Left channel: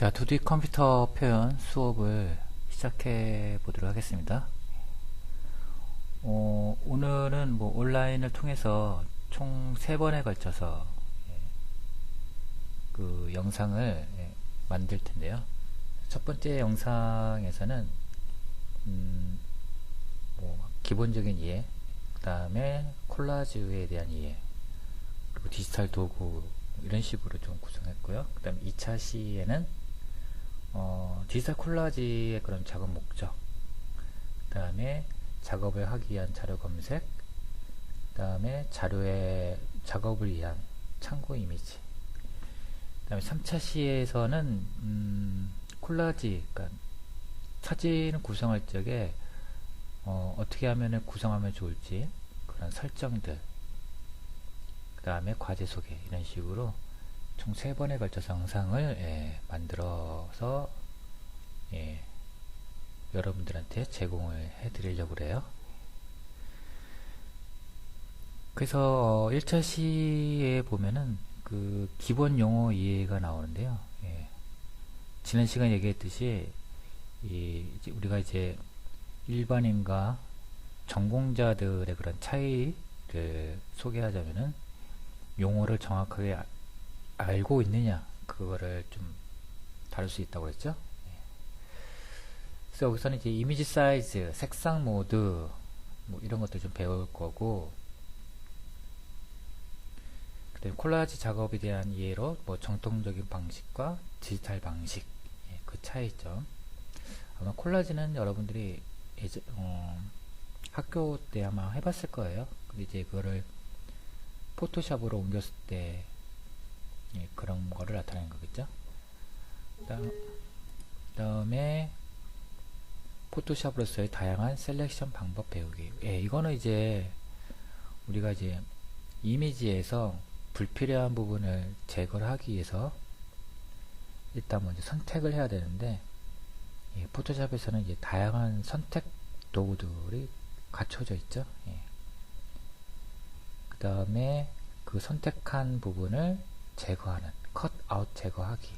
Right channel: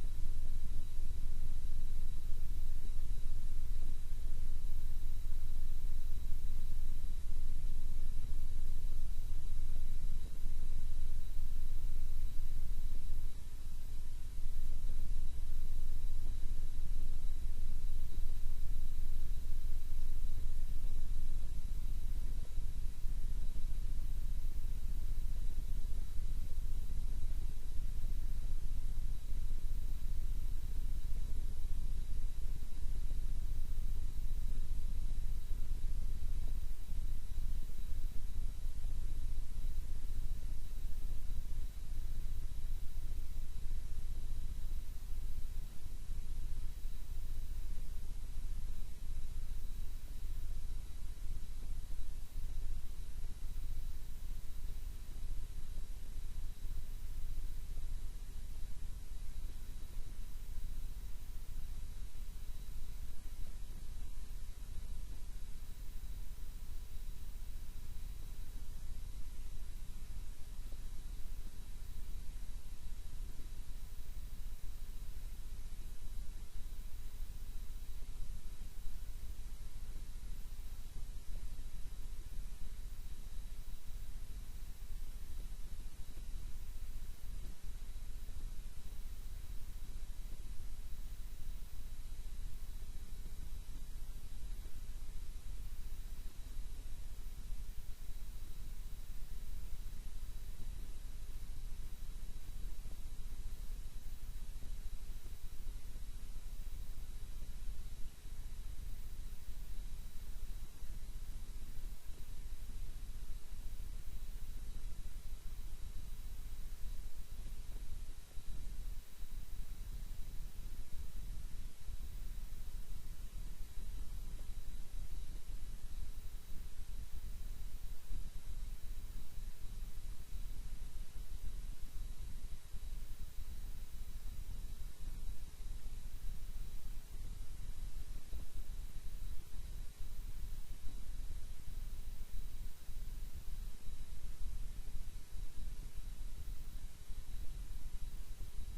자, 2D 컴퓨터 표현 수업을 시작해 보도록 하겠습니다. 오늘은 온라인을 통해서 총 3번에 걸쳐서 그 영상을 만들 텐데요. 첫 번째 영상에서는 기본적인 이해, 그 다음에 콜라주에 대한 이해, 그리고 디지털 도구 이런 식으로 좀 구성했고요. 그 다음 2차 시에는 디지털 콜라지의 그런 작업 목적, 그 다음에 작업을 하기 위한 자료 검색, 그 다음에 자료의 작업을 위한 참고 이미지, 그 다음에 3차 시에서는 콜라지, 그러니까 사진을 구성할 적에 어떻게 하면 구성하면 좋을지 그런 설정들, 그 다음에 과제 소개 이런 식으로 총 3번에 걸쳐서 영상을 만들어서 여러분들한테 제공을 해드리려고 그래요. 그래서 1차 시에 보면은 그 기본 용어 이해가 나오는데요. 지난 시간에 얘기했듯이 이제 우리가 이제 일반인과 전공자들의 그런 차이를 소개하자면은 용어를 정확하게 알고 있느냐, 그거를 좀 다룰 수 있다고 했죠. 그래서 여기서는 이제 이미지 사이즈, 색상 모드 이런 것들 좀 배울 거고, 그다음에 콜라지 작업에 대한 이해로 정통적인 방식과 디지털 방식, 그 차이점. 아마 콜라지는 여러분들이 학교 때 아마 해봤을 거예요. 근데 이제 그거를 포토샵으로 옮겼을 때 그런 거를 나타내는 거겠죠. 그다음에 포토샵으로서의 다양한 셀렉션 방법 배우기. 이거는 이제 우리가 이제 이미지에서 불필요한 부분을 제거를 하기 위해서 일단 먼저 선택을 해야 되는데, 포토샵에서는 이제 다양한 선택 도구들이 갖춰져 있죠. 그 다음에 그 선택한 부분을 제거하는 컷 아웃 제거하기.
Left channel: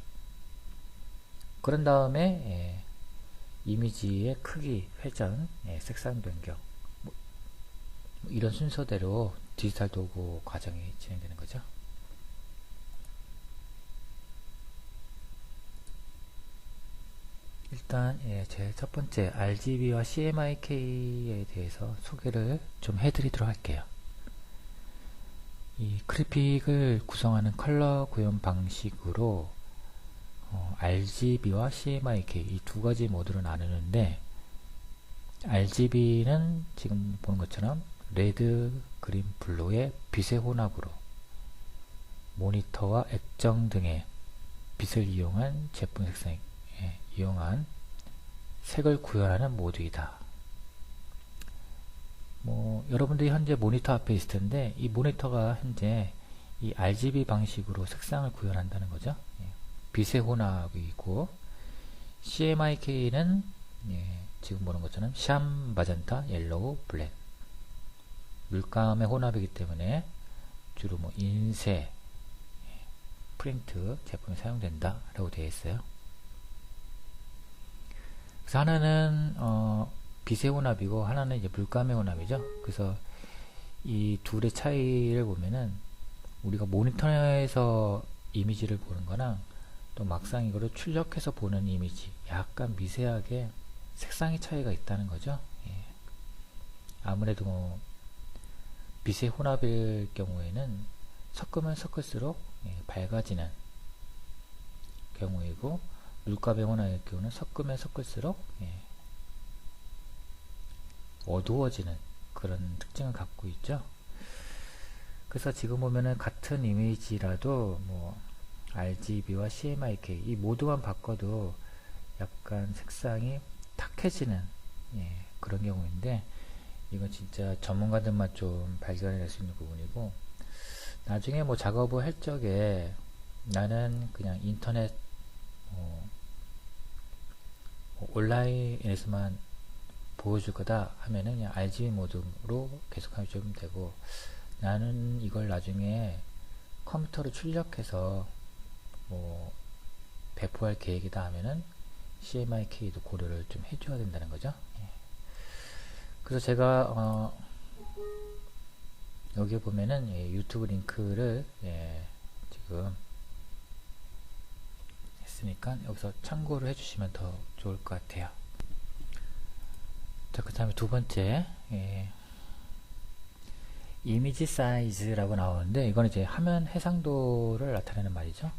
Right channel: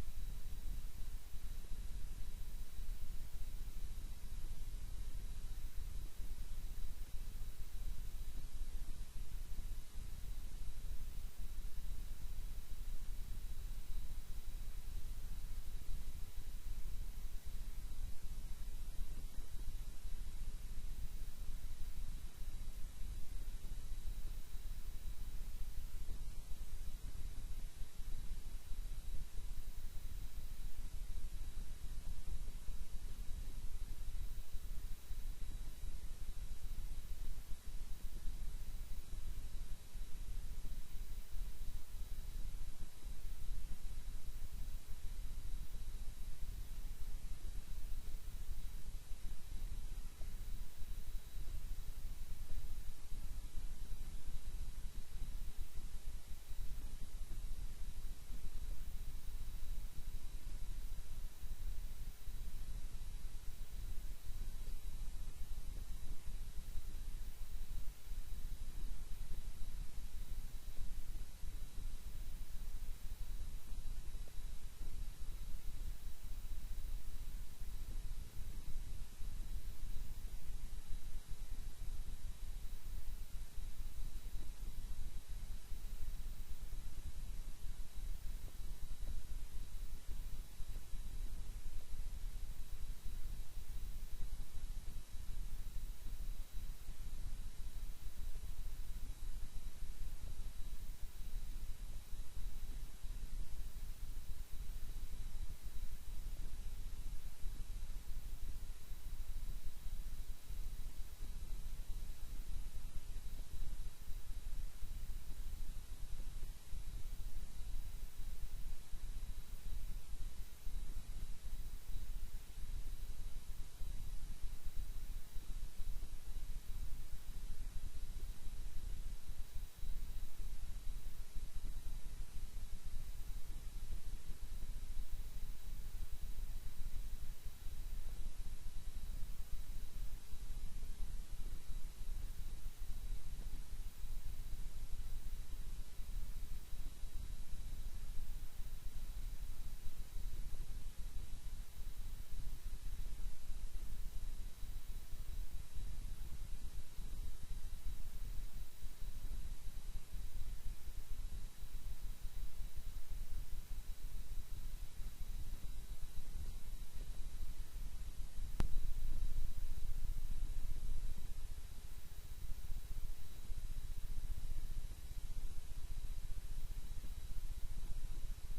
그런 다음에 이미지의 크기, 회전, 색상 변경, 이런 순서대로 디지털 도구 과정이 진행되는 거죠. 일단 제 첫 번째 RGB와 CMYK에 대해서 소개를 좀 해드리도록 할게요. 이 그래픽을 구성하는 컬러 구현 방식으로 RGB와 CMYK 이 두 가지 모드로 나누는데, RGB는 지금 보는 것처럼 레드, 그린, 블루의 빛의 혼합으로 모니터와 액정 등의 빛을 이용한 제품 색상에 이용한 색을 구현하는 모드이다. 여러분들이 현재 모니터 앞에 있을 텐데, 이 모니터가 현재 이 RGB 방식으로 색상을 구현한다는 거죠. 빛의 혼합이고, CMYK는 지금 보는 것처럼 샴, 마젠타, 옐로우, 블랙, 물감의 혼합이기 때문에 주로 인쇄, 프린트 제품에 사용된다 라고 되어 있어요. 그래서 하나는 빛의 혼합이고 하나는 이제 물감의 혼합이죠. 그래서 이 둘의 차이를 보면은 우리가 모니터에서 이미지를 보는 거랑 또 막상 이거를 출력해서 보는 이미지, 약간 미세하게 색상의 차이가 있다는 거죠. 아무래도 빛의 혼합일 경우에는 섞으면 섞을수록 밝아지는 경우이고, 물감의 혼합일 경우는 섞으면 섞을수록 어두워지는 그런 특징을 갖고 있죠. 그래서 지금 보면은 같은 이미지라도 RGB와 CMYK 이 모두만 바꿔도 약간 색상이 탁해지는 그런 경우인데, 이건 진짜 전문가들만 좀 발견해낼 수 있는 부분이고, 나중에 작업을 할 적에 나는 그냥 인터넷 온라인에서만 보여줄 거다 하면은 그냥 RGB 모드로 계속 하시면 되고, 나는 이걸 나중에 컴퓨터로 출력해서 유튜브 할 계획이다 하면은 CMYK도 고려를 좀 해줘야 된다는 거죠. 예. 그래서 제가 여기 보면은 유튜브 링크를 지금 했으니까 여기서 참고를 해주시면 더 좋을 것 같아요. 자, 그 다음에 두 번째 이미지 사이즈라고 나오는데 이건 이제 화면 해상도를 나타내는 말이죠.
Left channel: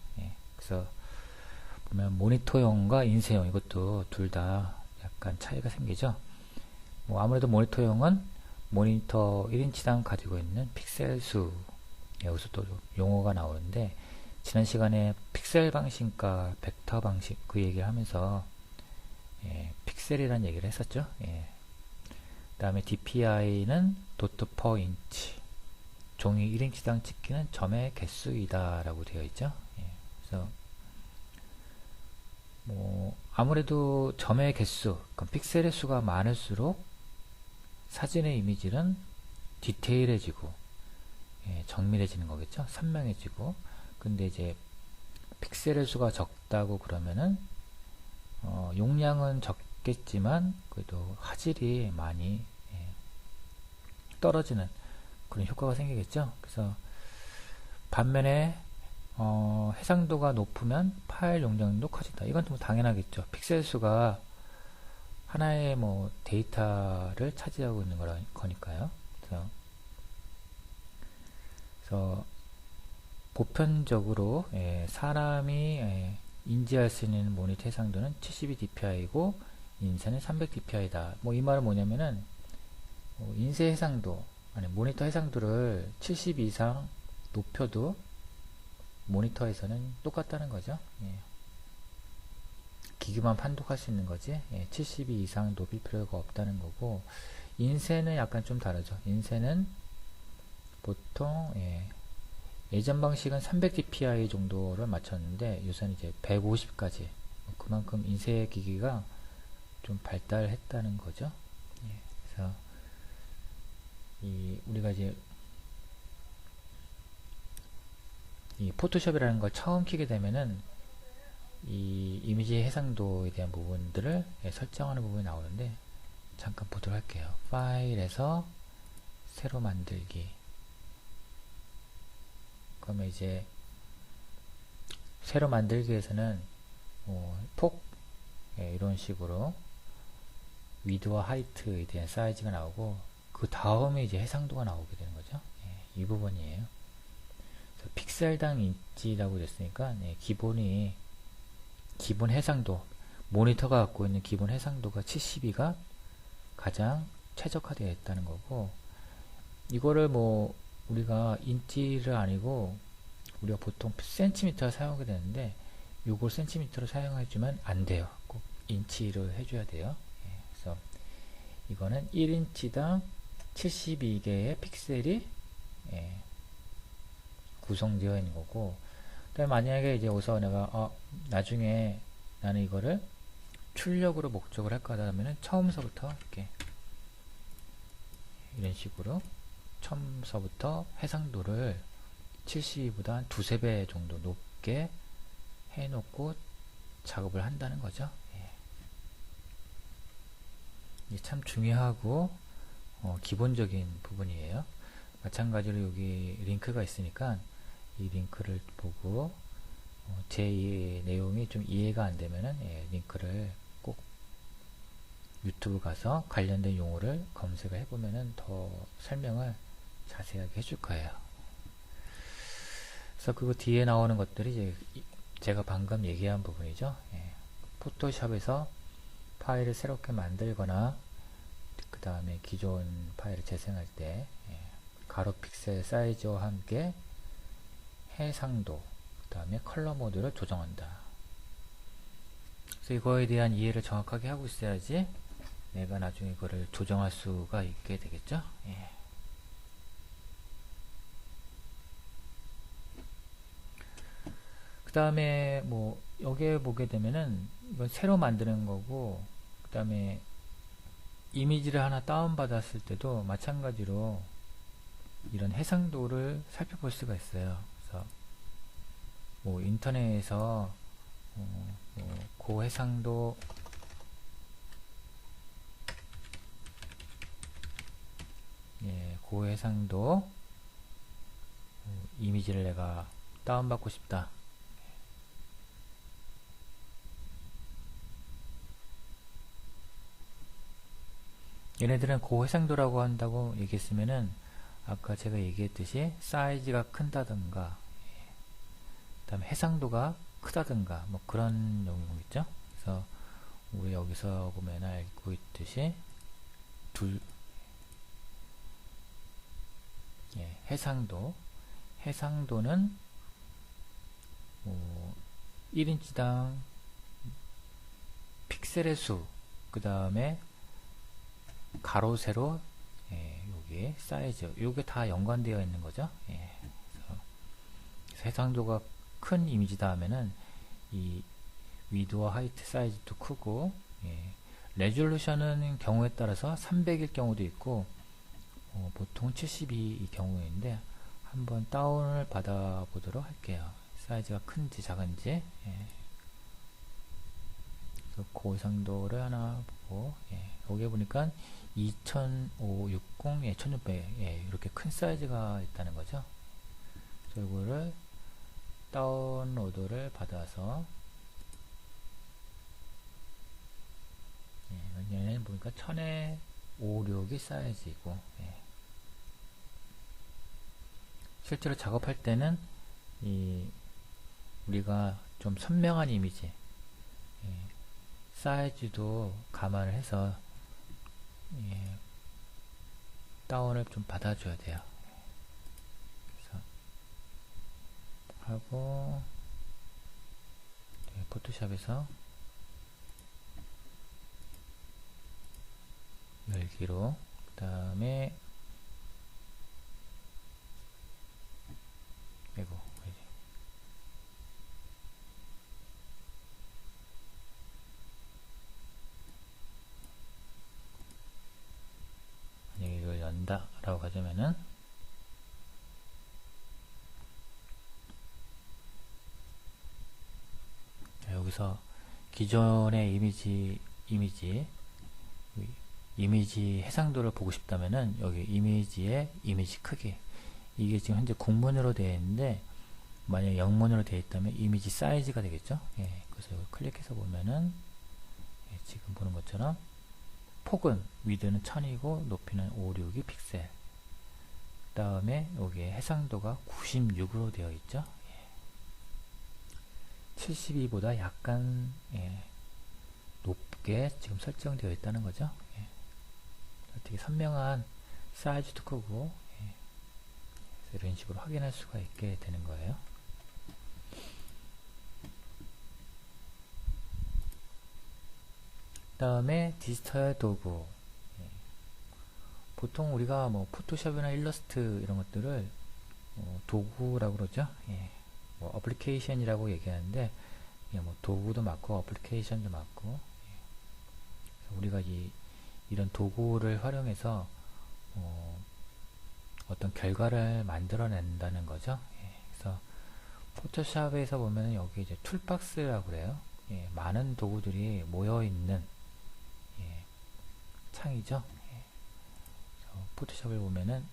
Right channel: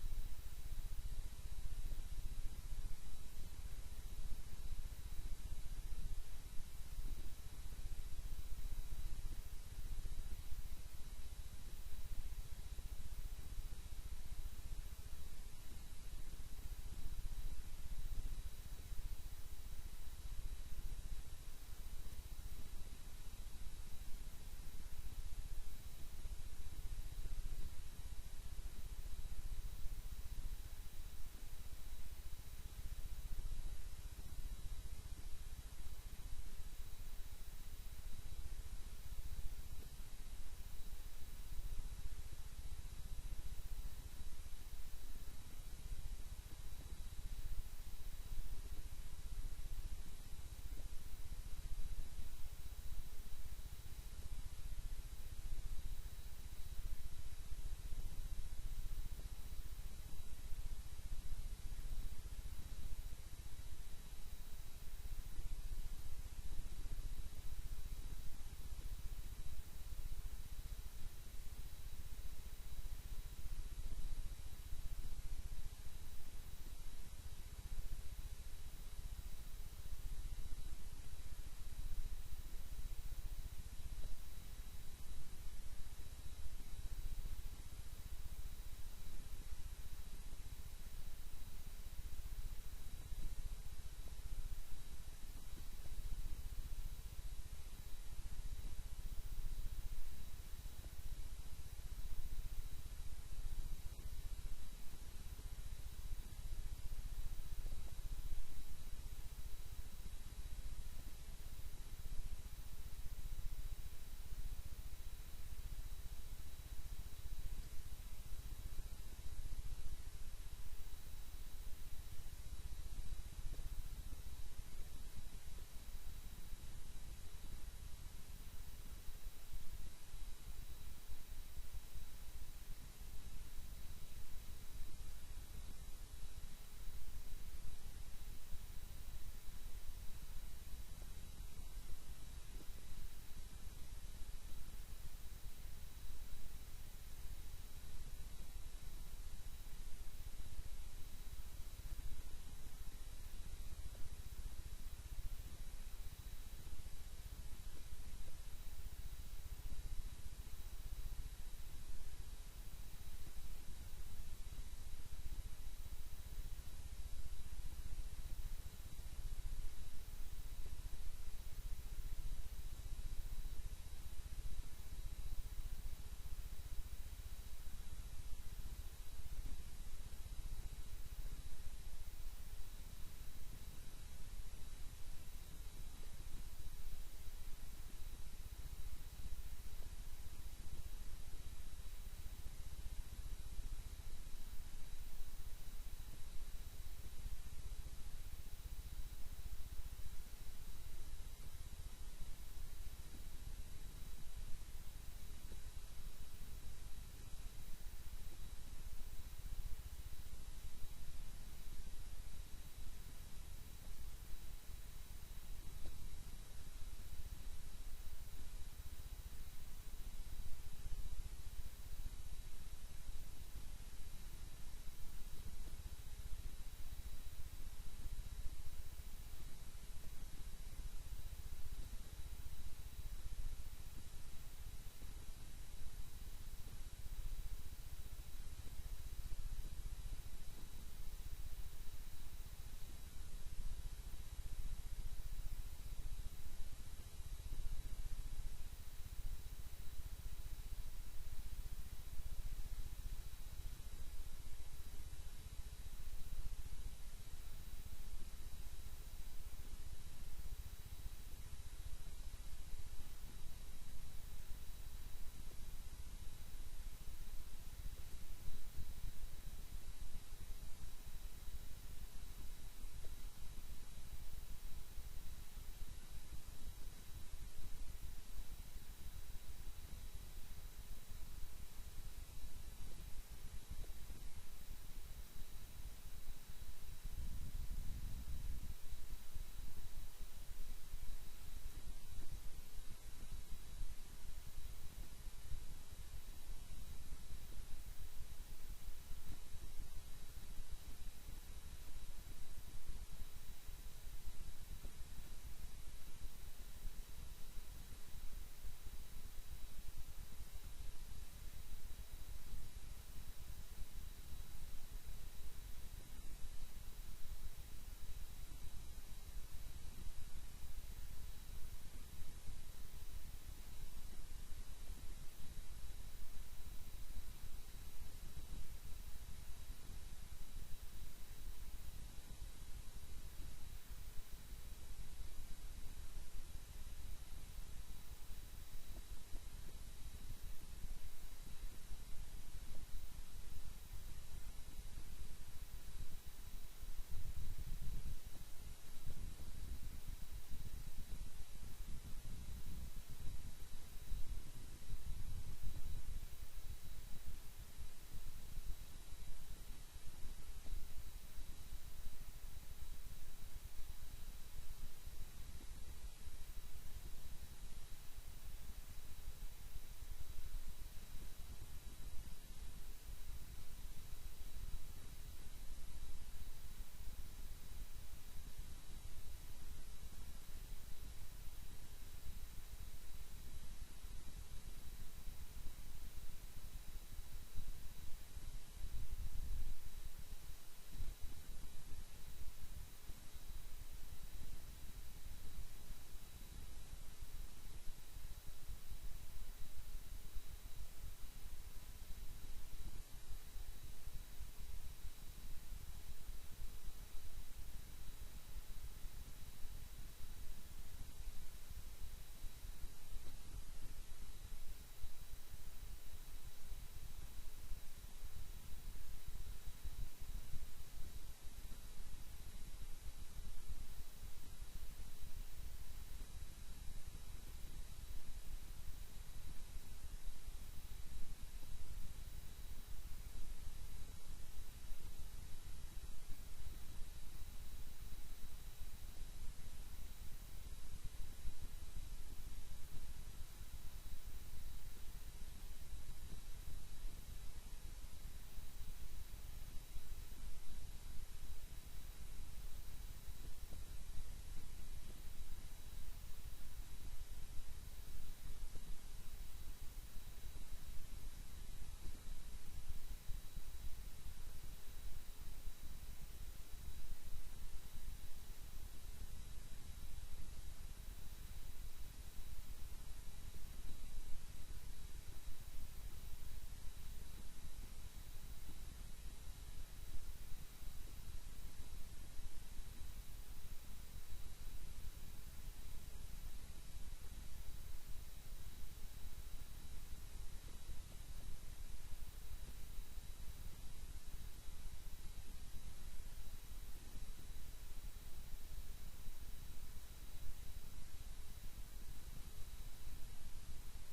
그래서 보면 모니터용과 인쇄용 이것도 둘 다 약간 차이가 생기죠. 뭐 아무래도 모니터용은 모니터 1인치당 가지고 있는 픽셀 수, 여기서 또 용어가 나오는데 지난 시간에 픽셀 방식과 벡터 방식 그 얘기를 하면서 픽셀이라는 얘기를 했었죠. 그 다음에 DPI는 도트 퍼 인치, 종이 1인치당 찍히는 점의 개수이다 라고 되어 있죠. 그래서 뭐 아무래도 점의 개수, 그러니까 픽셀의 수가 많을수록 사진의 이미지는 디테일해지고 정밀해지는 거겠죠. 선명해지고. 근데 이제 픽셀의 수가 적다고 그러면은 용량은 적겠지만 그래도 화질이 많이 떨어지는 그런 효과가 생기겠죠. 그래서 반면에 해상도가 높으면 파일 용량도 커진다. 이건 좀 당연하겠죠. 픽셀 수가 하나의 뭐 데이터를 차지하고 있는 거니까요. 그래서 보편적으로 사람이 인지할 수 있는 모니터 해상도는 72dpi고 인쇄는 300dpi다. 뭐 이 말은 뭐냐면은 인쇄 해상도 아니 모니터 해상도를 70 이상 높여도 모니터에서는 똑같다는 거죠. 기기만 판독할 수 있는 거지 72 이상 높일 필요가 없다는 거고, 인쇄는 약간 좀 다르죠. 인쇄는 보통 예전 방식은 300dpi 정도를 맞췄는데 요새는 이제 150까지, 그만큼 인쇄 기기가 좀 발달했다는 거죠. 그래서 우리가 이제 이 포토샵이라는 걸 처음 키게 되면은 이 이미지 해상도에 대한 부분들을 설정하는 부분이 나오는데 잠깐 보도록 할게요. 파일에서 새로 만들기. 그러면 이제 새로 만들기에서는 폭 이런 식으로 위드와 하이트에 대한 사이즈가 나오고 그 다음에 이제 해상도가 나오게 되는 거죠. 이 부분이에요. 픽셀당 인치라고 됐으니까 기본 해상도, 모니터가 갖고 있는 기본 해상도가 72가 가장 최적화되어 있다는 거고, 이거를 뭐 우리가 인치를 아니고 우리가 보통 센티미터를 사용하게 되는데 이걸 센티미터로 사용해주면 안 돼요. 꼭 인치로 해줘야 돼요. 그래서 이거는 1인치당 72개의 픽셀이 구성되어 있는 거고, 그다음에 만약에 이제 여기서 내가 나중에 나는 이거를 출력으로 목적을 할 거다 하면은 처음서부터 이렇게 이런 식으로 처음서부터 해상도를 72보다 한 두세 배 정도 높게 해놓고 작업을 한다는 거죠. 이게 참 중요하고 기본적인 부분이에요. 마찬가지로 여기 링크가 있으니까 이 링크를 보고 제 내용이 좀 이해가 안 되면은 링크를 꼭 유튜브 가서 관련된 용어를 검색을 해보면은 더 설명을 자세하게 해줄 거예요. 그래서 그 뒤에 나오는 것들이 이제 제가 방금 얘기한 부분이죠. 포토샵에서 파일을 새롭게 만들거나 그 다음에 기존 파일을 재생할 때 가로 픽셀 사이즈와 함께 해상도, 그 다음에 컬러 모드를 조정한다. 그래서 이거에 대한 이해를 정확하게 하고 있어야지 내가 나중에 이거를 조정할 수가 있게 되겠죠. 그 다음에 뭐 여기에 보게 되면은 이건 새로 만드는 거고, 그 다음에 이미지를 하나 다운 받았을 때도 마찬가지로 이런 해상도를 살펴볼 수가 있어요. 그래서 뭐 인터넷에서 고해상도 고해상도 이미지를 내가 다운받고 싶다. 얘네들은 고해상도라고 한다고 얘기했으면은 아까 제가 얘기했듯이 사이즈가 큰다든가 그 다음에 해상도가 크다든가 뭐 그런 용어겠죠. 그래서 우리 여기서 보면 알고 있듯이 해상도는 1인치당 픽셀의 수, 그 다음에 가로 세로 여기 사이즈, 요게 다 연관되어 있는 거죠. 그래서 해상도가 큰 이미지다 하면은 이 위드와 하이트 사이즈도 크고, 레졸루션은 경우에 따라서 300일 경우도 있고 보통 72이 경우인데 한번 다운을 받아 보도록 할게요. 사이즈가 큰지 작은지. 그래서 고해상도를 하나 보고, 여기 보니까 20560, 1600, 이렇게 큰 사이즈가 있다는 거죠. 그래서 이거를 다운로드를 받아서, 얘는 보니까 1056이 사이즈이고, 실제로 작업할 때는 우리가 좀 선명한 이미지, 사이즈도 감안을 해서 다운을 좀 받아줘야 돼요. 그래서 하고 포토샵에서 열기로, 그 다음에 만약에 이걸 연다 라고 가자면은 여기서 기존의 이미지 해상도를 보고 싶다면은 여기 이미지의 이미지 크기, 이게 지금 현재 국문으로 되어 있는데 만약에 영문으로 되어 있다면 이미지 사이즈가 되겠죠. 그래서 이걸 클릭해서 보면은 지금 보는 것처럼 폭은 위드는 1000이고 높이는 562 픽셀, 그 다음에 여기에 해상도가 96으로 되어 있죠. 72보다 약간 높게 지금 설정되어 있다는 거죠. 되게 선명한 사이즈도 크고, 이런 식으로 확인할 수가 있게 되는 거예요. 그 다음에 디지털 도구, 보통 우리가 뭐 포토샵이나 일러스트 이런 것들을 도구라고 그러죠. 뭐 어플리케이션이라고 얘기하는데 뭐 도구도 맞고 어플리케이션도 맞고, 우리가 이런 도구를 활용해서 어떤 결과를 만들어낸다는 거죠. 그래서 포토샵에서 보면 여기 이제 툴박스라고 그래요. 많은 도구들이 모여있는 창이죠. 포토샵을 보면은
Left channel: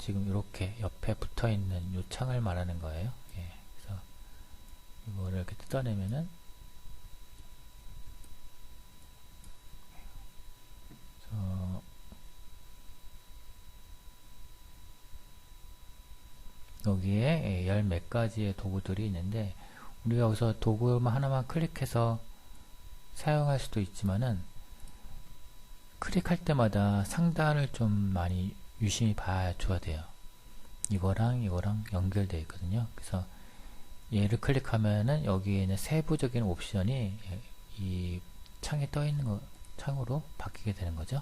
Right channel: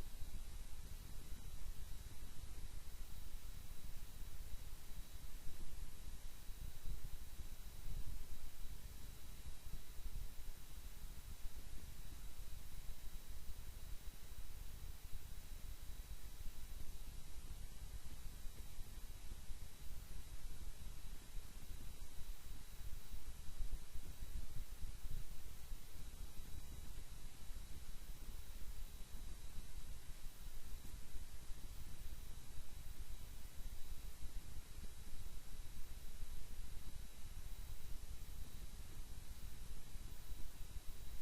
지금 이렇게 옆에 붙어있는 이 창을 말하는 거예요. 그래서 이거를 이렇게 뜯어내면은 여기에 열 몇 가지의 도구들이 있는데 우리가 여기서 도구만 하나만 클릭해서 사용할 수도 있지만은 클릭할 때마다 상단을 좀 많이 유심히 봐줘야 돼요. 이거랑 연결되어 있거든요. 그래서 얘를 클릭하면은 여기에는 세부적인 옵션이 이 창에 떠 있는 창으로 바뀌게 되는 거죠.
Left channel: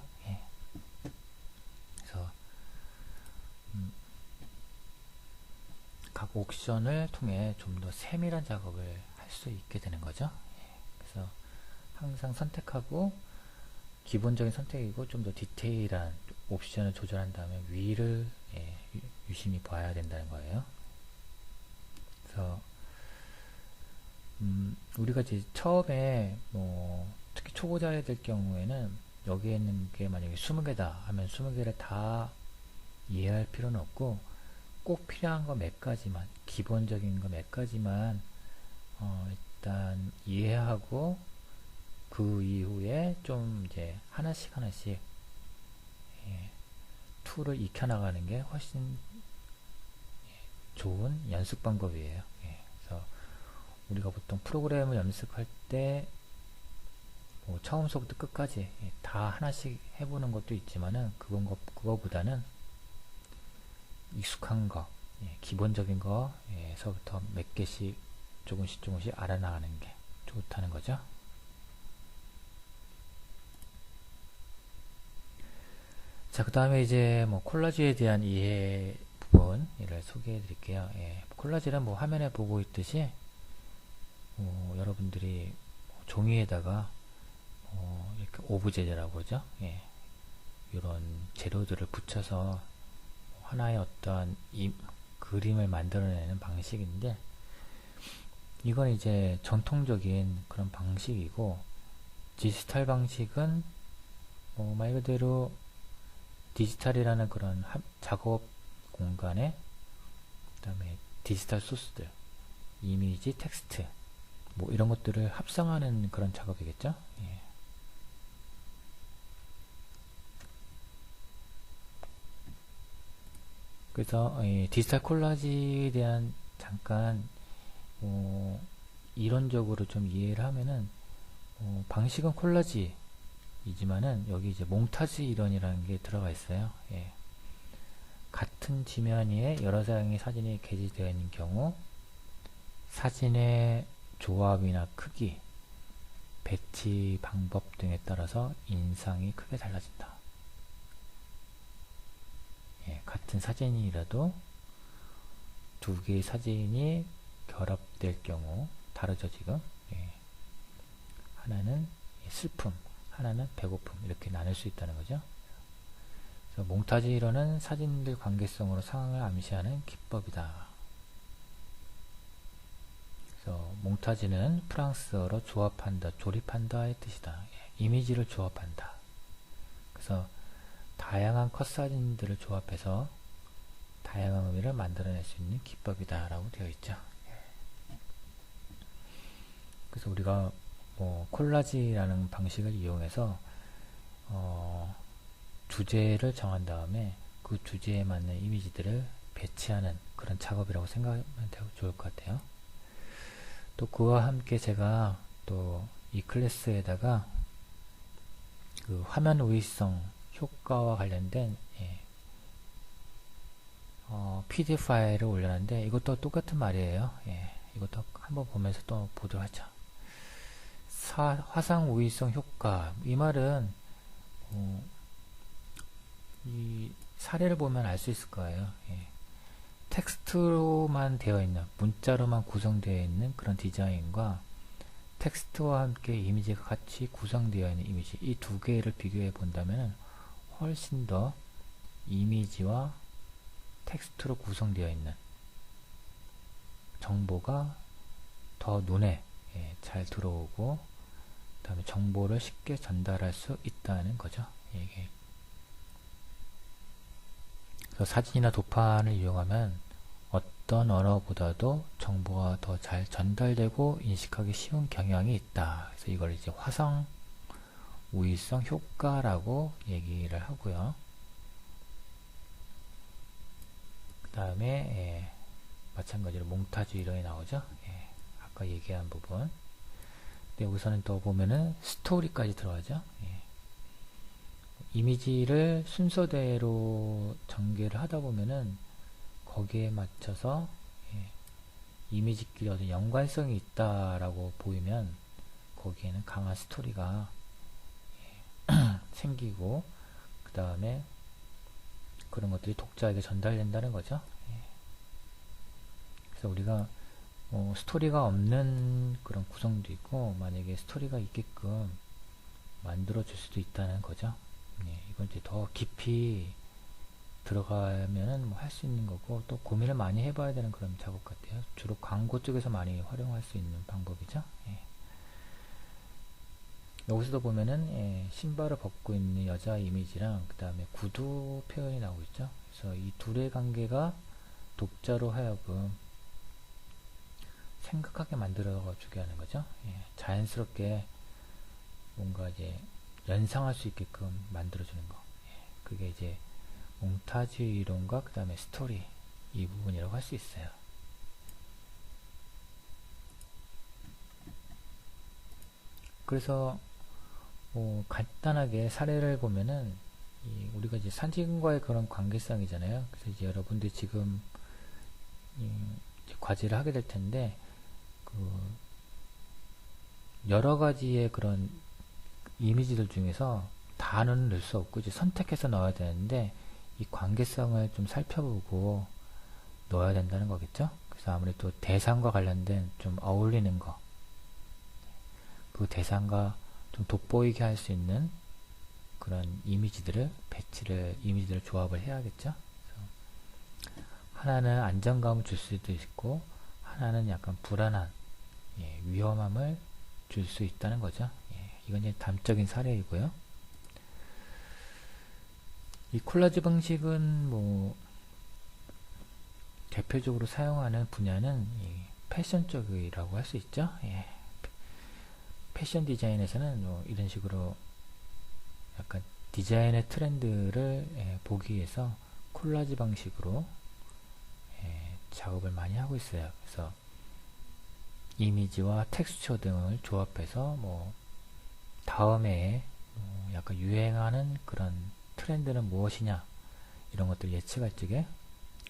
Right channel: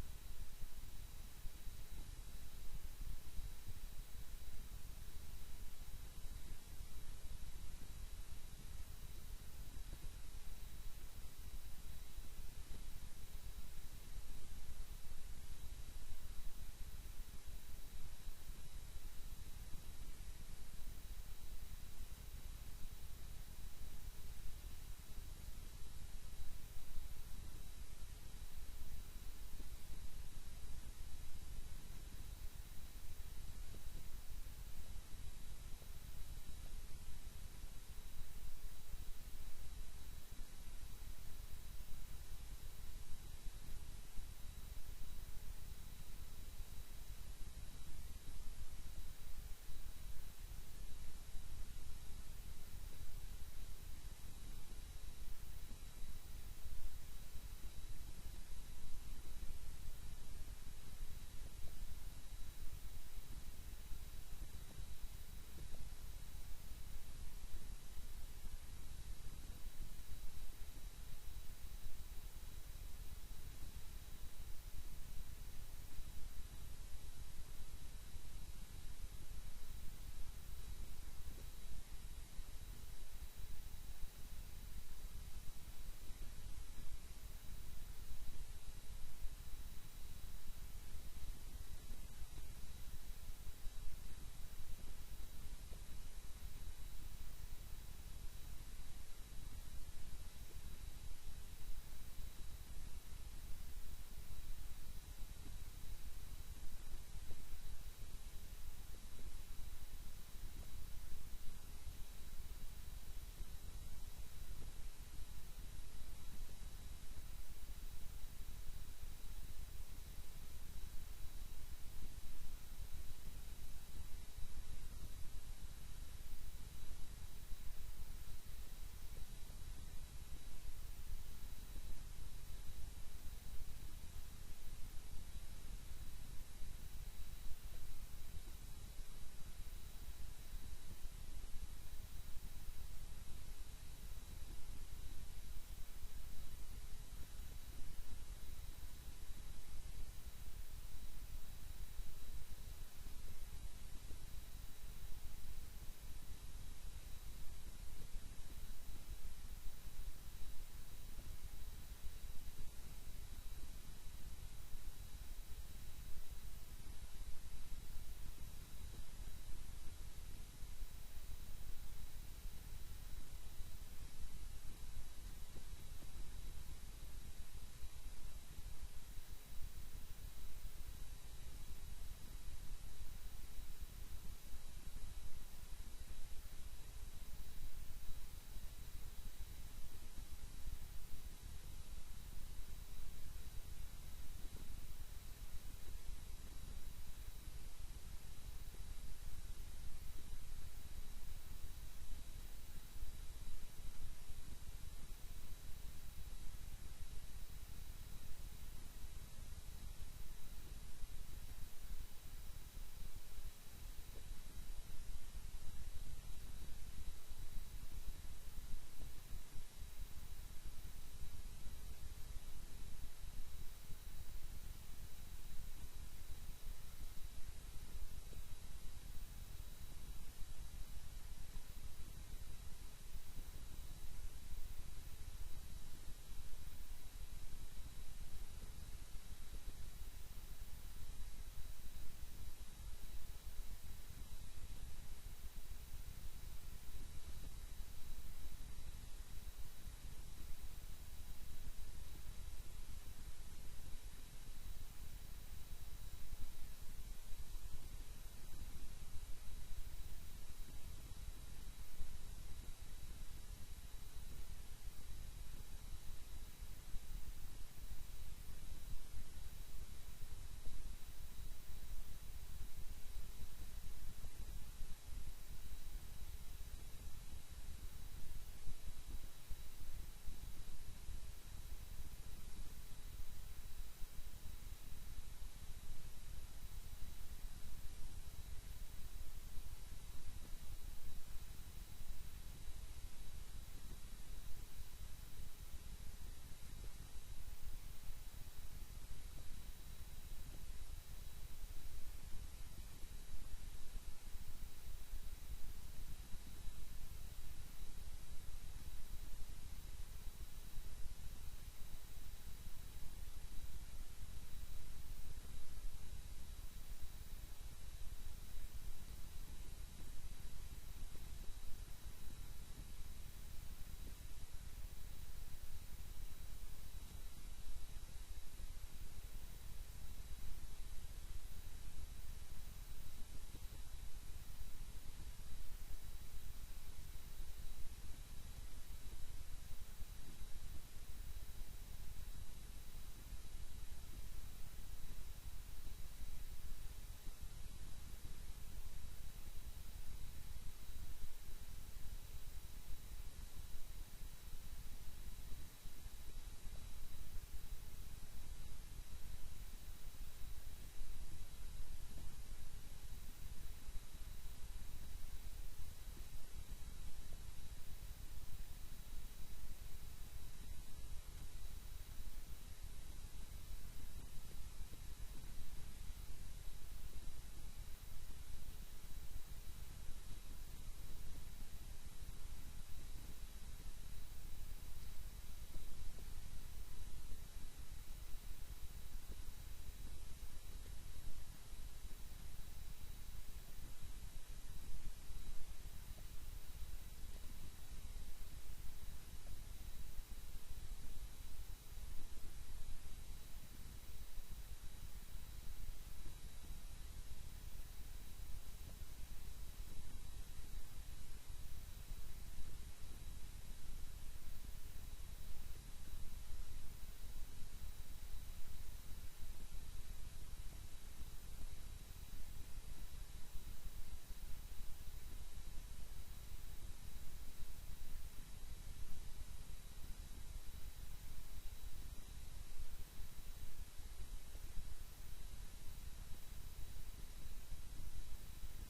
그래서 각 옵션을 통해 좀 더 세밀한 작업을 할 수 있게 되는 거죠. 그래서 항상 선택하고 기본적인 선택이고 좀 더 디테일한 옵션을 조절한 다음에 위를 유심히 봐야 된다는 거예요. 그래서 우리가 이제 처음에 특히 초보자들 경우에는 여기에 있는 게 만약에 20개다 하면 20개를 다 이해할 필요는 없고 꼭 필요한 거 몇 가지만, 기본적인 거 몇 가지만 일단 이해하고 그 이후에 좀 이제 하나씩 하나씩 툴을 익혀나가는 게 훨씬 좋은 연습 방법이에요. 그래서 우리가 보통 프로그램을 연습할 때 처음서부터 끝까지 다 하나씩 해보는 것도 있지만은 그거보다는 익숙한 거, 기본적인 거에서부터 몇 개씩 조금씩 알아나가는 게 좋다는 거죠. 자, 그 다음에 이제 콜라지에 대한 이해 부분을 소개해 드릴게요. 콜라지는 화면에 보고 있듯이 여러분들이 종이에다가 이렇게 오브제라고 하죠. 이런 재료들을 붙여서 하나의 어떠한 그림을 만들어내는 방식인데, 이건 이제 전통적인 그런 방식이고, 디지털 방식은 말 그대로 디지털이라는 그런 작업 공간에 그 다음에 디지털 소스들, 이미지, 텍스트 이런 것들을 합성하는 그런 작업이겠죠. 그래서 디지털 콜라지에 대한 잠깐 이론적으로 좀 이해를 하면은 방식은 콜라지이지만은 여기 이제 몽타주 이론이라는 게 들어가 있어요. 같은 지면 위에 여러 장의 사진이 게재되어 있는 경우 사진의 조합이나 크기, 배치 방법 등에 따라서 인상이 크게 달라진다. 같은 사진이라도 두 개의 사진이 결합될 경우 다르죠, 지금. 하나는 슬픔, 하나는 배고픔, 이렇게 나눌 수 있다는 거죠. 그래서 몽타주 이론은 사진들 관계성으로 상황을 암시하는 기법이다. 그래서 몽타주는 프랑스어로 조합한다, 조립한다의 뜻이다. 이미지를 조합한다. 그래서 다양한 컷 사진들을 조합해서 다양한 의미를 만들어낼 수 있는 기법이다 라고 되어 있죠. 그래서 우리가 콜라지라는 방식을 이용해서 주제를 정한 다음에 그 주제에 맞는 이미지들을 배치하는 그런 작업이라고 생각하면 좋을 것 같아요. 또 그와 함께 제가 또 이 클래스에다가 그 화면 우위성 효과와 관련된 PDF 파일을 올려놨는데, 이것도 똑같은 말이에요. 이것도 한번 보면서 또 보도록 하죠. 화상 우위성 효과, 이 말은 이 사례를 보면 알 수 있을 거예요. 텍스트로만 되어 있는, 문자로만 구성되어 있는 그런 디자인과 텍스트와 함께 이미지가 같이 구성되어 있는 이미지, 이 두 개를 비교해 본다면 훨씬 더 이미지와 텍스트로 구성되어 있는 정보가 더 눈에 잘 들어오고, 그 다음에 정보를 쉽게 전달할 수 있다는 거죠. 그래서 사진이나 도판을 이용하면 어떤 언어보다도 정보가 더 잘 전달되고 인식하기 쉬운 경향이 있다. 그래서 이걸 이제 화상 우위성 효과라고 얘기를 하고요. 그 다음에 마찬가지로 몽타주 이론이 나오죠. 아까 얘기한 부분. 근데 우선은 또 보면은 스토리까지 들어가죠. 이미지를 순서대로 전개를 하다 보면은 거기에 맞춰서 이미지끼리 어떤 연관성이 있다라고 보이면 거기에는 강한 스토리가 생기고, 그 다음에 그런 것들이 독자에게 전달된다는 거죠. 그래서 우리가 스토리가 없는 그런 구성도 있고, 만약에 스토리가 있게끔 만들어 줄 수도 있다는 거죠. 이건 이제 더 깊이 들어가면은 할 수 있는 거고, 또 고민을 많이 해봐야 되는 그런 작업 같아요. 주로 광고 쪽에서 많이 활용할 수 있는 방법이죠. 여기서도 보면은 신발을 벗고 있는 여자 이미지랑 그 다음에 구두 표현이 나오고 있죠. 그래서 이 둘의 관계가 독자로 하여금 생각하게 만들어주게 하는 거죠. 자연스럽게 뭔가 이제 연상할 수 있게끔 만들어주는 거. 그게 이제 몽타주 이론과 그 다음에 스토리 이 부분이라고 할 수 있어요. 그래서 뭐 간단하게 사례를 보면은 우리가 이제 사진과의 그런 관계성이잖아요. 그래서 이제 여러분들이 지금 이제 과제를 하게 될 텐데 그 여러 가지의 그런 이미지들 중에서 다는 넣을 수 없고 이제 선택해서 넣어야 되는데 이 관계성을 좀 살펴보고 넣어야 된다는 거겠죠. 그래서 아무래도 대상과 관련된 좀 어울리는 거, 그 대상과 좀 돋보이게 할 수 있는 그런 이미지들을 이미지들을 조합을 해야겠죠. 하나는 안정감을 줄 수도 있고 하나는 약간 불안한 위험함을 줄 수 있다는 거죠. 이건 이제 단적인 사례이고요. 이 콜라지 방식은 뭐 대표적으로 사용하는 분야는 패션 쪽이라고 할 수 있죠. 패션 디자인에서는 뭐 이런 식으로 약간 디자인의 트렌드를 보기 위해서 콜라지 방식으로 작업을 많이 하고 있어요. 그래서 이미지와 텍스처 등을 조합해서 뭐 다음에 약간 유행하는 그런 트렌드는 무엇이냐 이런 것들 예측할 적에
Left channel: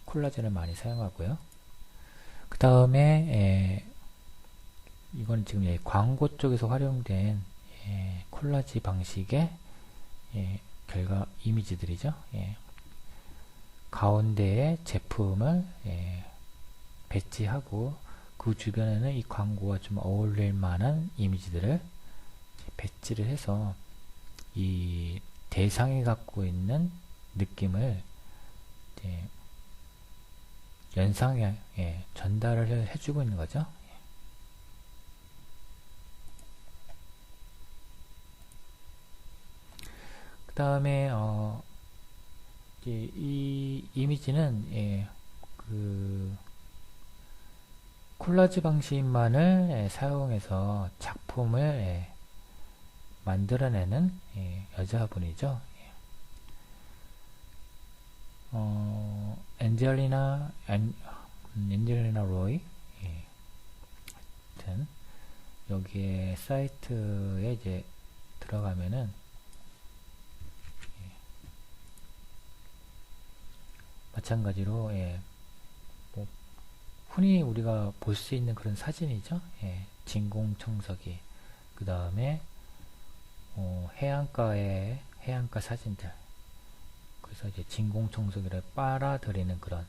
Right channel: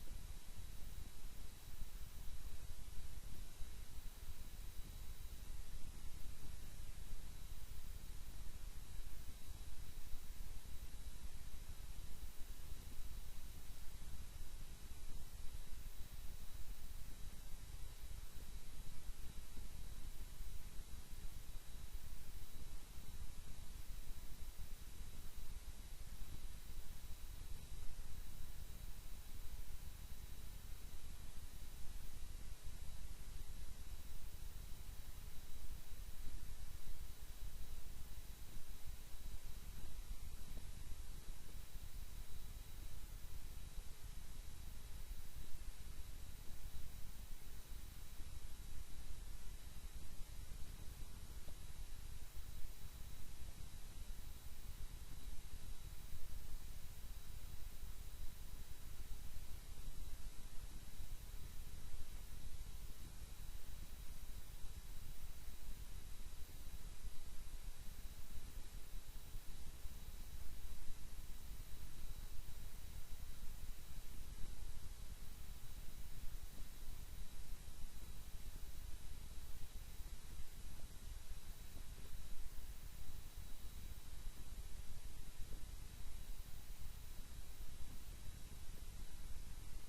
콜라지를 많이 사용하고요. 그 다음에 이건 지금 광고 쪽에서 활용된 콜라지 방식의 결과 이미지들이죠. 가운데에 제품을 배치하고 그 주변에는 이 광고와 좀 어울릴 만한 이미지들을 배치를 해서 이 대상이 갖고 있는 느낌을 연상에 전달을 해주고 있는 거죠. 그 다음에 이 이미지는 그 콜라지 방식만을 사용해서 작품을 만들어내는 여자분이죠. 엔젤리나 로이. 하여튼 여기에 사이트에 이제 들어가면은 마찬가지로 뭐 흔히 우리가 볼 수 있는 그런 사진이죠. 진공청소기, 그 다음에 해안가의 해안가 사진들. 그래서 이제 진공청소기를 빨아들이는 그런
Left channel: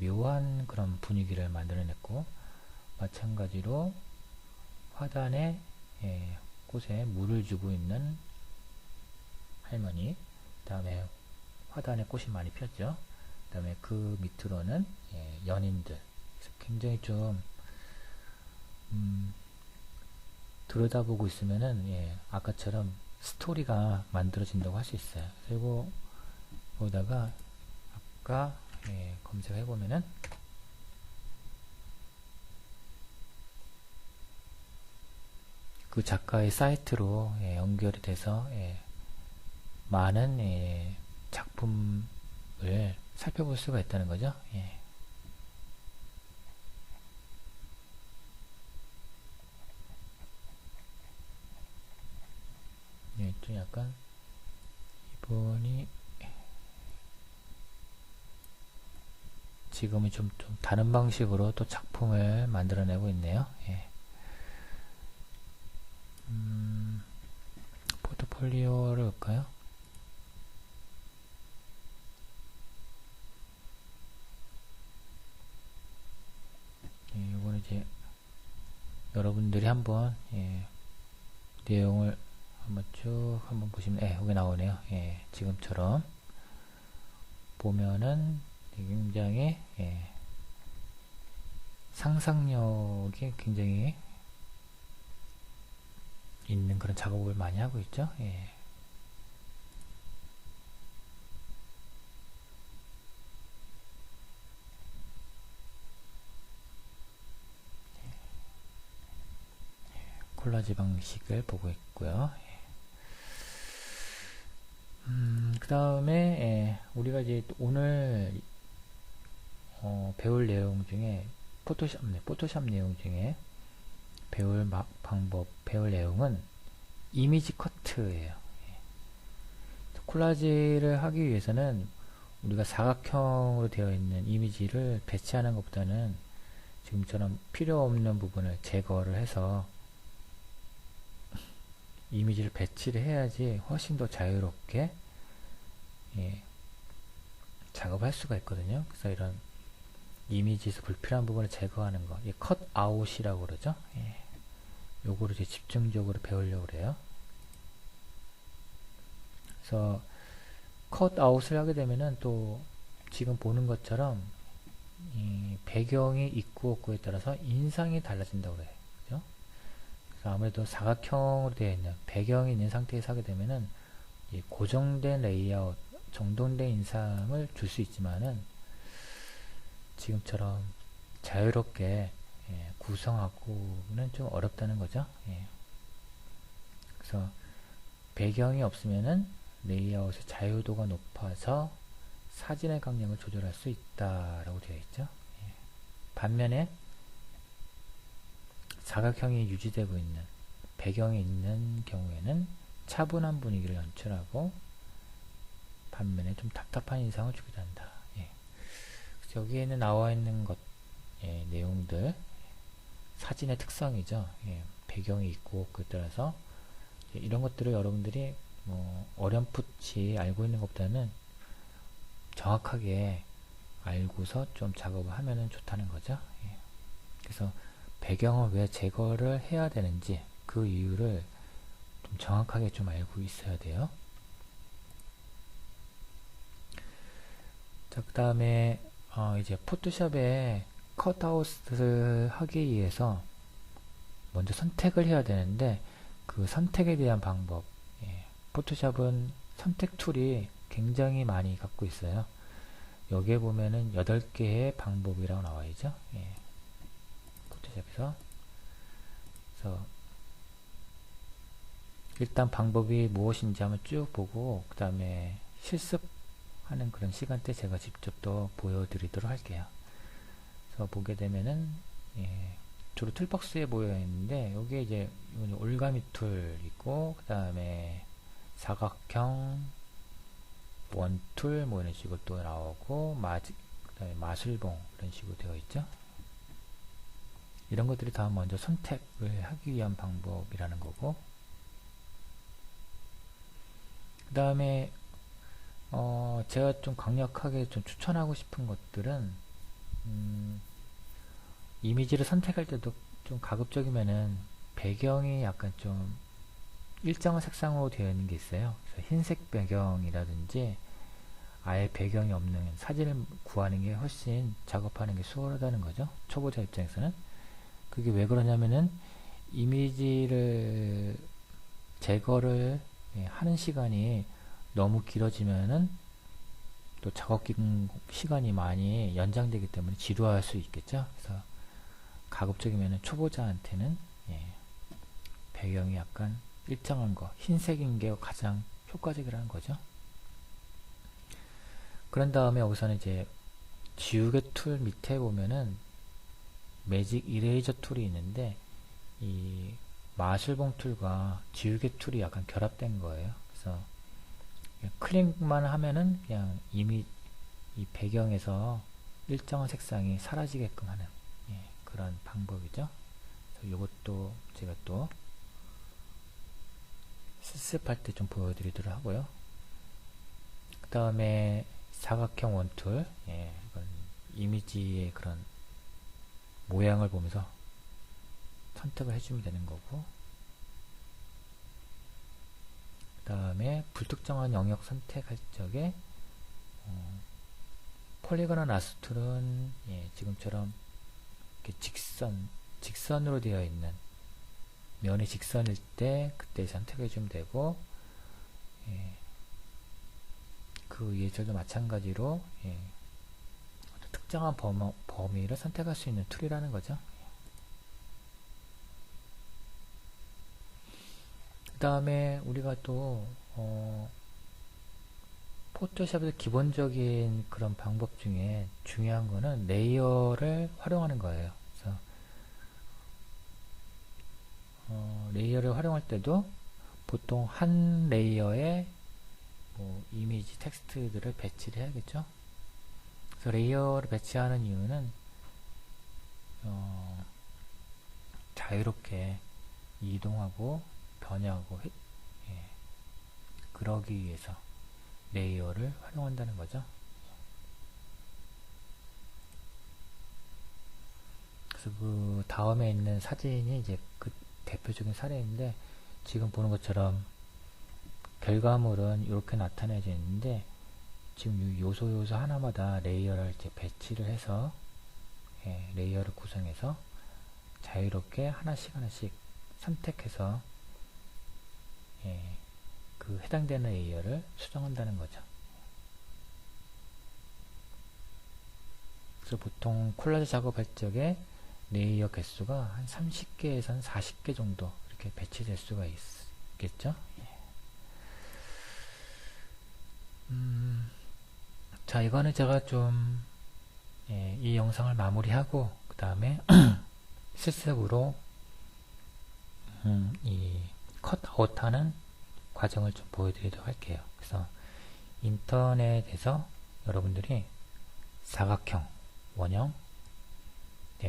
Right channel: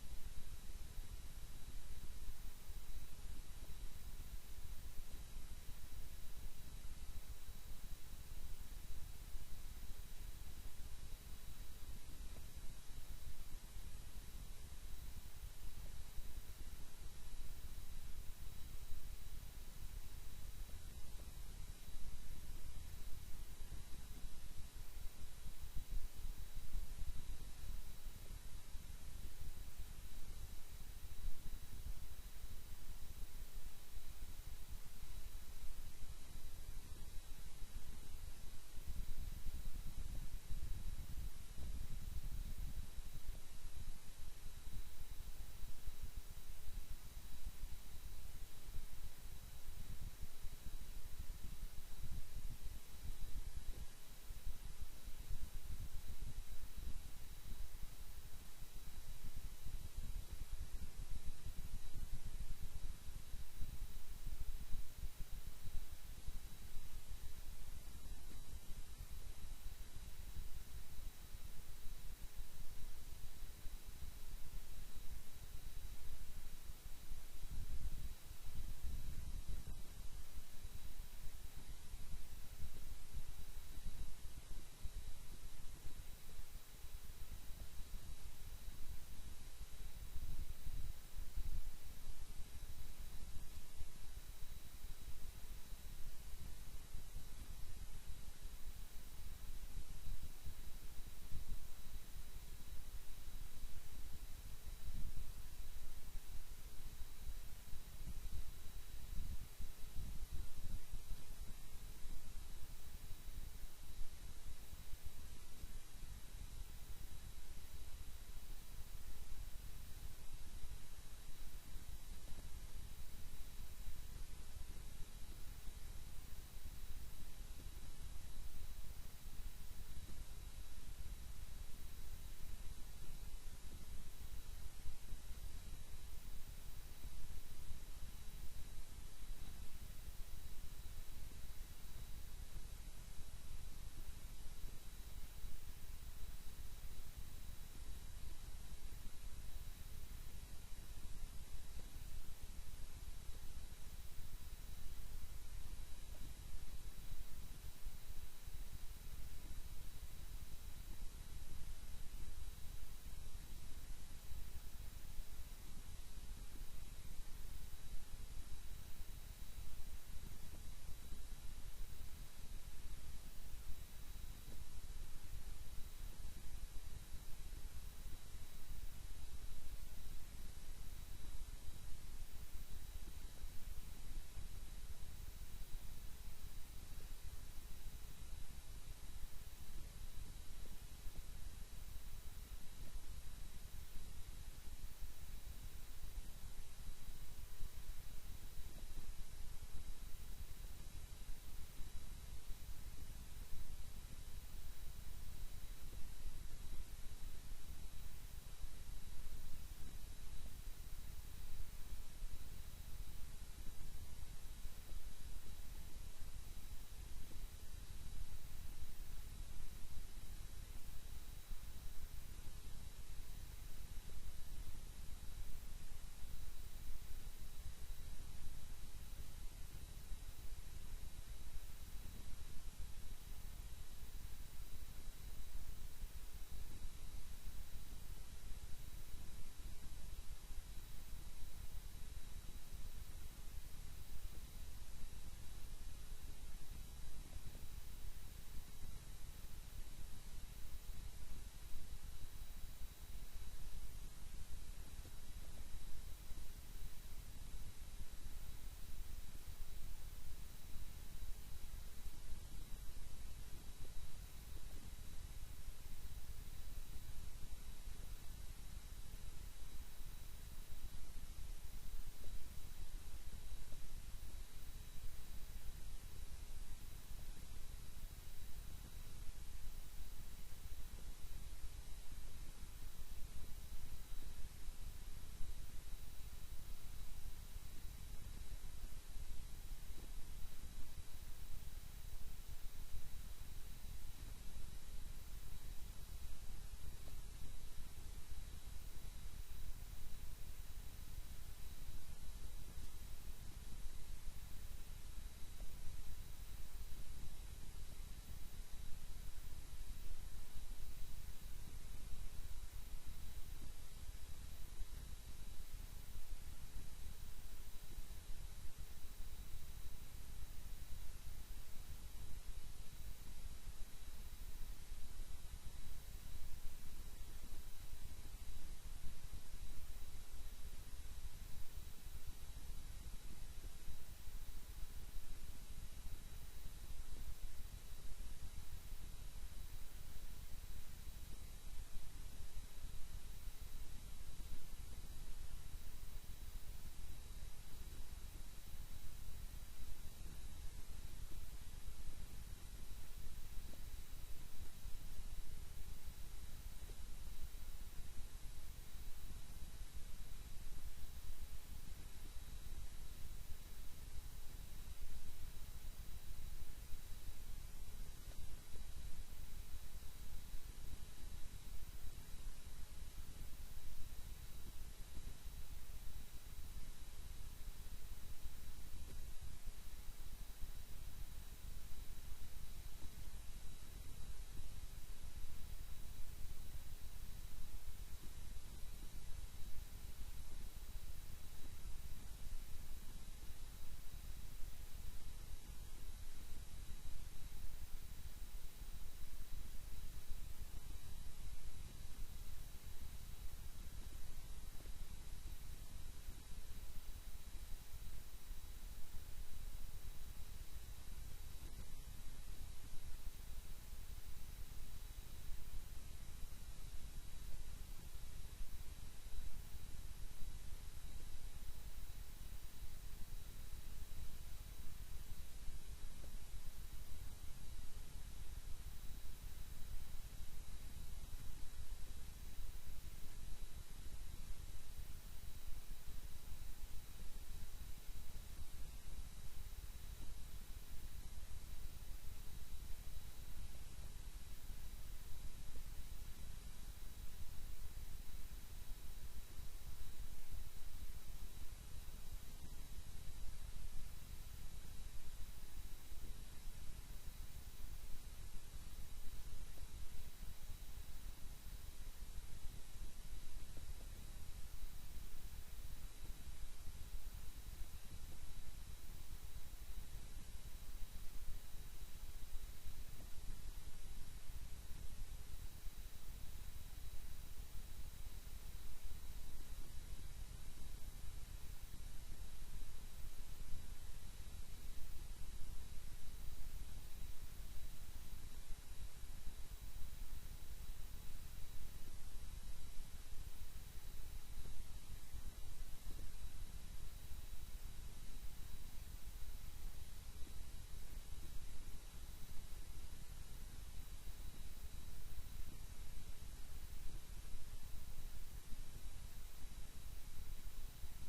묘한 그런 분위기를 만들어냈고, 마찬가지로 화단에 꽃에 물을 주고 있는 할머니, 그 다음에 화단에 꽃이 많이 폈죠. 그 다음에 그 밑으로는 연인들. 그래서 굉장히 좀 들여다보고 있으면은 아까처럼 스토리가 만들어진다고 할 수 있어요. 그리고 거기다가 아까 검색해 보면은 그 작가의 사이트로 연결이 돼서 많은 작품을 살펴볼 수가 있다는 거죠. 좀 약간 이분이 지금은 좀 다른 방식으로 또 작품을 만들어내고 있네요. 포트폴리오를 볼까요? 이거는 이제 여러분들이 한번 내용을 한번 쭉 한번 보시면 여기 나오네요. 지금처럼 보면은 굉장히 상상력이 굉장히 있는 있는 그런 작업을 많이 하고 있죠. 예. 콜라지 방식을 보고 있고요. 그 다음에 우리가 이제 오늘 배울 내용 중에 포토샵 내용 중에 배울 내용은 이미지 커트예요. 콜라지를 하기 위해서는 우리가 사각형으로 되어 있는 이미지를 배치하는 것보다는 지금처럼 필요 없는 부분을 제거를 해서 이미지를 배치를 해야지 훨씬 더 자유롭게 작업할 수가 있거든요. 그래서 이런 이미지에서 불필요한 부분을 제거하는 거, 컷 아웃이라고 그러죠. 요거를 이제 집중적으로 배우려고 그래요. 그래서 컷 아웃을 하게 되면은 또 지금 보는 것처럼 이 배경이 있고 없고에 따라서 인상이 달라진다고 그래요. 그죠? 그래서 아무래도 사각형으로 되어 있는 배경이 있는 상태에서 하게 되면은 이 고정된 레이아웃, 정돈된 인상을 줄 수 있지만은 지금처럼 자유롭게 구성하고는 좀 어렵다는 거죠. 그래서 배경이 없으면은 레이아웃의 자유도가 높아서 사진의 강약을 조절할 수 있다라고 되어 있죠. 반면에 사각형이 유지되고 있는 배경이 있는 경우에는 차분한 분위기를 연출하고 반면에 좀 답답한 인상을 주기도 한다. 여기에는 나와 있는 것 내용들 사진의 특성이죠. 배경이 있고 없고에 따라서 이런 것들을 여러분들이 어렴풋이 알고 있는 것보다는 정확하게 알고서 좀 작업을 하면 좋다는 거죠. 그래서 배경을 왜 제거를 해야 되는지 그 이유를 좀 정확하게 좀 알고 있어야 돼요. 자, 그 다음에 이제 포토샵에 컷아웃을 하기 위해서 먼저 선택을 해야 되는데 그 선택에 대한 방법, 포토샵은 선택 툴이 굉장히 많이 갖고 있어요. 여기에 보면은 8개의 방법이라고 나와 있죠. 포토샵에서. 그래서 일단 방법이 무엇인지 한번 쭉 보고 그 다음에 실습하는 그런 시간대 제가 직접 또 보여드리도록 할게요. 그래서 보게 되면은 주로 툴박스에 모여 있는데 여기에 이제 올가미 툴 있고 그 다음에 사각형 원툴 뭐 이런 식으로 또 나오고 그다음에 마술봉 이런 식으로 되어 있죠. 이런 것들이 다 먼저 선택을 하기 위한 방법이라는 거고 그 다음에 제가 좀 강력하게 좀 추천하고 싶은 것들은 이미지를 선택할 때도 좀 가급적이면은 배경이 약간 좀 일정한 색상으로 되어 있는 게 있어요. 그래서 흰색 배경이라든지 아예 배경이 없는 사진을 구하는 게 훨씬 작업하는 게 수월하다는 거죠. 초보자 입장에서는. 그게 왜 그러냐면은 이미지를 제거를 하는 시간이 너무 길어지면은 또 작업 시간이 많이 연장되기 때문에 지루할 수 있겠죠. 그래서 가급적이면은 초보자한테는 배경이 약간 일정한 거, 흰색인 게 가장 효과적이라는 거죠. 그런 다음에 여기서는 이제 지우개 툴 밑에 보면은 매직 이레이저 툴이 있는데 이 마술봉 툴과 지우개 툴이 약간 결합된 거예요. 그래서 클릭만 하면은 그냥 이미 이 배경에서 일정한 색상이 사라지게끔 하는 그런 방법이죠. 이것도 제가 또 실습할 때 좀 보여드리도록 하고요. 그 다음에 사각형 원툴, 이미지의 그런 모양을 보면서 선택을 해주면 되는 거고, 그 다음에 불특정한 영역 선택할 적에 폴리곤한 라스툴은 지금처럼 이렇게 직선으로 되어 있는 면이 직선일 때 그때 선택해 주면 되고, 예, 그 예절도 마찬가지로 특정한 범위를 선택할 수 있는 툴이라는 거죠. 그 다음에 우리가 또 포토샵에서 기본적인 그런 방법 중에 중요한 거는 레이어를 활용하는 거예요. 그래서 레이어를 활용할 때도 보통 한 레이어에 이미지, 텍스트들을 배치를 해야겠죠. 그래서 레이어를 배치하는 이유는 자유롭게 이동하고 변형하고 그러기 위해서 레이어를 활용한다는 거죠. 그래서 그 다음에 있는 사진이 이제 그 대표적인 사례인데, 지금 보는 것처럼 결과물은 이렇게 나타내져 있는데, 지금 요소 하나마다 레이어를 이제 배치를 해서 레이어를 구성해서 자유롭게 하나씩 선택해서 그 해당되는 레이어를 수정한다는 거죠. 그래서 보통 콜라주 작업할 적에 레이어 개수가 한 30개에서 40개 정도 이렇게 배치될 수가 있겠죠. 자, 이거는 제가 좀 이 영상을 마무리하고 그 다음에 실습으로 이 컷아웃하는 과정을 좀 보여드리도록 할게요. 그래서 인터넷에서 여러분들이 사각형, 원형,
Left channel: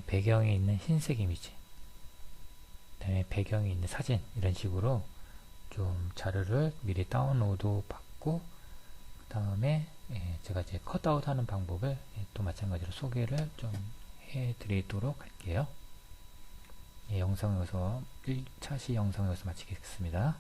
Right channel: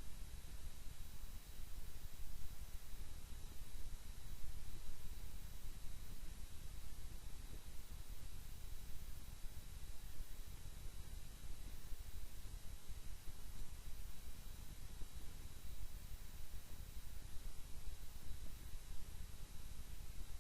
배경에 있는 흰색 이미지, 그 다음에 배경에 있는 사진, 이런 식으로 좀 자료를 미리 다운로드 받고 그 다음에 제가 이제 컷아웃 하는 방법을 또 마찬가지로 소개를 좀 해드리도록 할게요. 영상 여기서 1차 시 영상 여기서 마치겠습니다.